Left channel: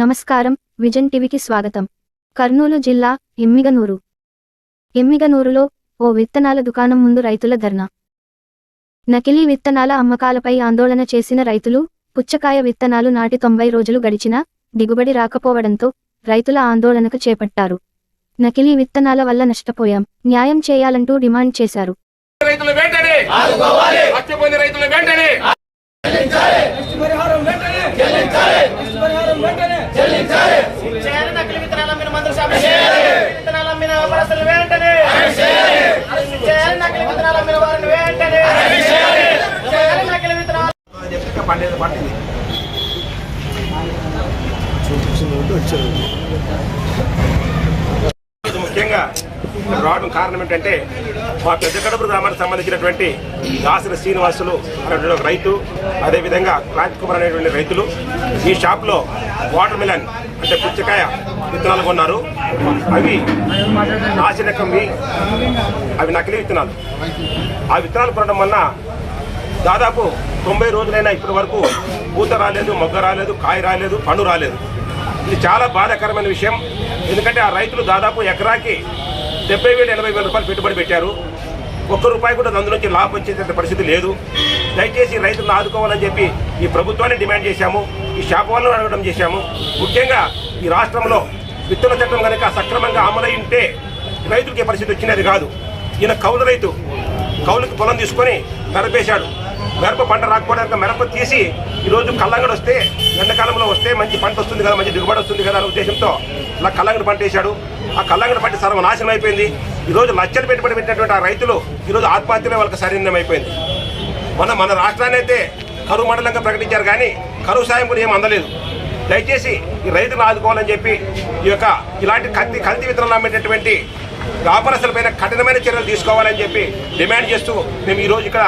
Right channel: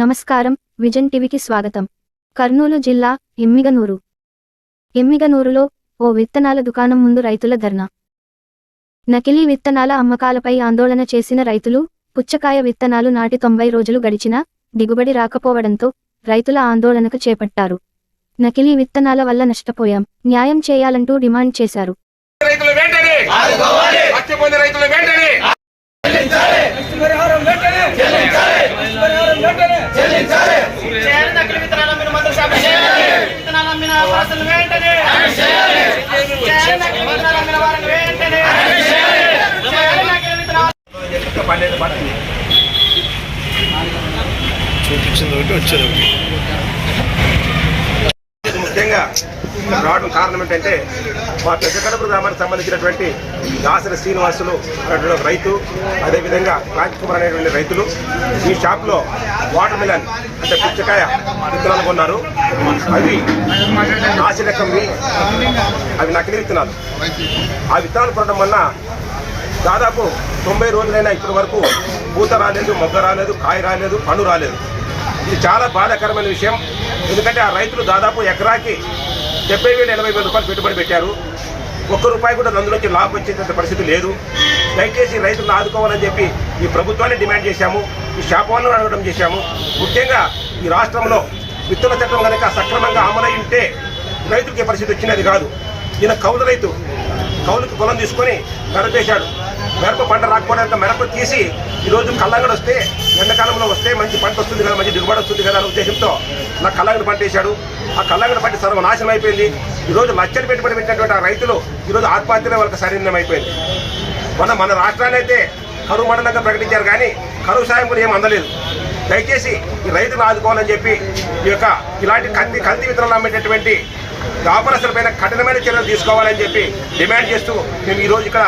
నమస్కారం, విజన్ టీవీకి స్వాగతం. కర్నూలు జిల్లా ఎమ్మిగనూరులో ఓ విత్తనాల దుకాణం ముందు రైతుల ధర్నా. నకిలీ విత్తనాల అమ్మకాలపై ఆందోళన చేసిన రైతులు, పుచ్చకాయ విత్తనాలు నాటి 90 రోజులు గడిచినా దిగుబడి రాకపోవడంతో రైతుల ఆందోళనకు చేపట్టారు. నకిలీ విత్తనాల వల్ల నష్టపోయాం, న్యాయం చేయాలంటూ డిమాండ్ చేశారు. ముఖ్యంగా రావడం కారణం ఏంటంటే మా పెద్దకడప గ్రామానికి సంబంధించినటువంటి దాసరి శ్రీనివాసులు అనేటువంటి రైతు, అదేవిధంగా రాజ్కుమార్ అనేటువంటి రైతులు ఈ షాప్లో వాటర్ మిలన్ అంటే పుచ్చకాయ విత్తనాలు కొన్నారు. అవి నాసిరకంవి, అవి నకిలీ విత్తనాలు. ఆ విత్తనాలు కొనడం వల్ల దాదాపు 90 రోజులైనా ఇప్పటి వరకు పూత రాలేదు, మొగ్గ రాలేదు, కాయ రాలేదు, పండు రాలేదు. ఇది చాలా బాధాకరమైన విషయం. ఎందుకంటే ఆ రైతులు దాదాపు ఎకరాకి 70,000-80,000 రూపాయలు పెట్టుబడి పెట్టారు. ₹1 కూడా అందులోంచి లాభం వచ్చేటువంటి పరిస్థితి లేదు. దయచేసి రైతులను ఆదుకోవాలని చెప్పి ఈ ప్రభుత్వాన్ని డిమాండ్ చేశాము, ఈ షాప్ వాళ్ళను అడగడం చేశాము. ముఖ్యంగా ఈ రాష్ట్రంలో విత్తన చట్టం కనుక సక్రమంగా అమలై ఉంటే రైతులకి పరిస్థితి వచ్చినది కాదు. ఈయన కౌలు రైతు, కౌలుకి పొలం తీసుకొని గర్భేశాడు. మిరప పంట రాకపోవడానికి మిరప తీసి ఈరోజు కల్లంగడి వస్తే, ఎండాకాలంలో వస్తే మంచి పంట వస్తుంది కదా, మంచి దిగుబడి వస్తుంది కదా అనే ఉద్దేశంతో ఇలా కల్లంగడి పంట వేశాడు. ఆ కల్లంగడి పంట సర్వనాశనం అయిపోయింది. ఈరోజు లక్షలు పెట్టుబడి పెట్టినటువంటి ఆ రైతులు ఈరోజు ఆత్మహత్యలే వాళ్ళకి సరైనం అయిపోయింది. మన రాష్ట్రాన్ని అయితే కరువు మండలంగా ప్రకటించారు, కానీ కరువు సాయం కూడా ఏం అందలేదు. దయచేసి ఈ రైతులు ఆదుకోవాలని చెప్పి ఇలాంటి కల్తీ విత్తనాలు అమ్మేటటువంటి వ్యాపారస్తులపైన కఠినమైన చర్యలు తీసుకోవాలని చెప్పి డిమాండ్ చేస్తూ మేము ఈరోజు ఇక్కడ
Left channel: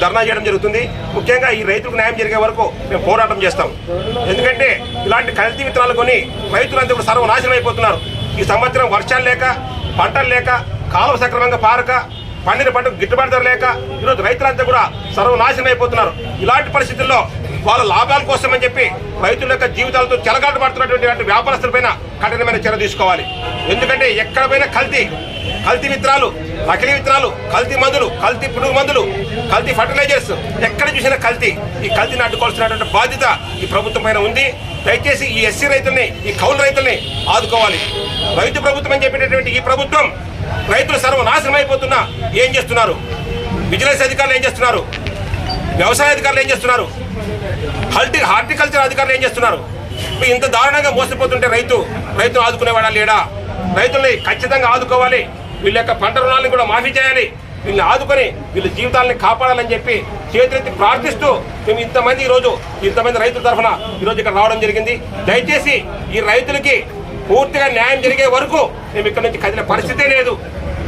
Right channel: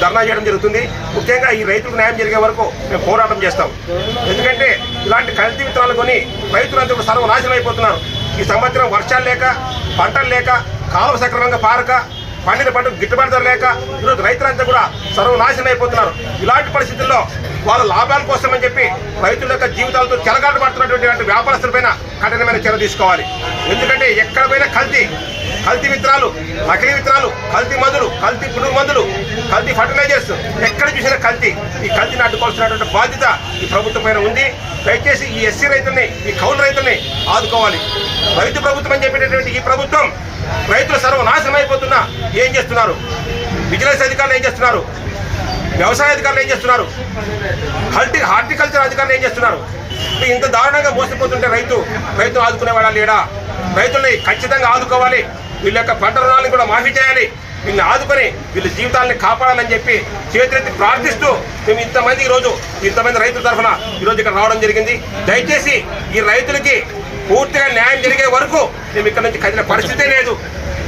ధర్నా చేయడం జరుగుతుంది. ముఖ్యంగా ఈ రైతులకు న్యాయం జరిగే వరకు మేము పోరాటం చేస్తాం. ఎందుకంటే ఇలాంటి కల్తీ విత్తనాలు కొని రైతులంతా కూడా సర్వనాశనం అయిపోతున్నారు. ఈ సంవత్సరం వర్షాలు లేక, పంటలు లేక, కాలువ సక్రమంగా పారక, పండిన పంటకు గిట్టుబాటు ధర లేక ఈరోజు రైతులంతా కూడా సర్వనాశనం అయిపోతున్నారు. ఇలాంటి పరిస్థితుల్లో వాళ్ళ లాభాల కోసం అని చెప్పి రైతుల యొక్క జీవితాలతో చెలగాట పడుతున్నటువంటి వ్యాపారస్తులపైన కఠినమైన చర్య తీసుకోవాలి. ఎందుకంటే ఎక్కడ పోయినా కల్తీ విత్తనాలు, నకిలీ విత్తనాలు, కల్తీ మందులు, కల్తీ పురుగు మందులు, కల్తీ ఫర్టిలైజర్స్, ఎక్కడ చూసినా కల్తీ. ఈ కల్తీని అడ్డుకోవాల్సినటువంటి బాధ్యత ఈ ప్రభుత్వం పైన ఉంది. దయచేసి ఈ ఎస్సీ రైతుల్ని, ఈ కౌలు రైతుల్ని ఆదుకోవాలి. రైతు ప్రభుత్వం అని చెప్పేటటువంటి ఈ ప్రభుత్వం రైతులు సర్వనాశనం అయిపోతున్నా ఏం చేస్తున్నారు? విజిలెన్స్ అధికారులు ఏం చేస్తున్నారు? వ్యవసాయ అధికారులు ఏం చేస్తున్నారు? హార్టికల్చర్ అధికారులు ఏం చేస్తున్నారు? ఇంత దారుణంగా మోసపోతుంటే రైతులు ఆదుకునేవాడా లేడా? రైతుల్ని ఖచ్చితంగా ఆదుకోవాలి. వీళ్ళ యొక్క పంట రుణాలను కూడా మాఫీ చేయాలి. వీళ్ళని ఆదుకొని వీళ్ళ జీవితాలని కాపాడాలని చెప్పి చేతులెత్తి ప్రార్థిస్తూ మేము ఇంతమంది రైతుల తరఫున ఈరోజు ఇక్కడ రావడం జరిగింది. దయచేసి ఈ రైతులకి పూర్తిగా న్యాయం జరిగే వరకు మేము ఇక్కడ నుంచి కదిలే పరిస్థితే లేదు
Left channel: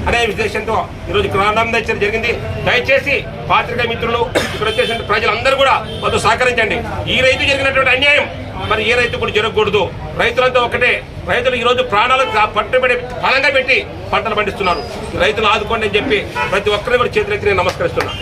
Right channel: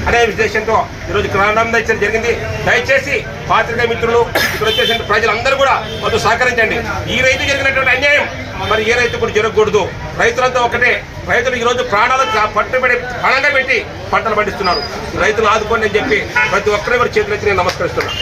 అనే ఉద్దేశంతో ఈరోజు ప్రారంభించడం జరిగింది. దయచేసి పాత్రికేయ మిత్రులు, ఇక్కడ వచ్చేసిన ప్రజలందరూ కూడా కొంత సహకరించండి. ఈ రైతు జరిగినటువంటి అన్యాయం మరి ఏ రైతు కూడా జరగకూడదు. రైతులంతా ఒకటే. రైతులు ఈరోజు ప్రాణాలు పట్టుబడి పణంగా పెట్టి పంటలు పండిస్తున్నారు. రైతులు ఆదుకోండి అని చెప్పి ప్రతి ఒక్కరి చేతులెత్తి నేను నమస్కరిస్తున్నాను.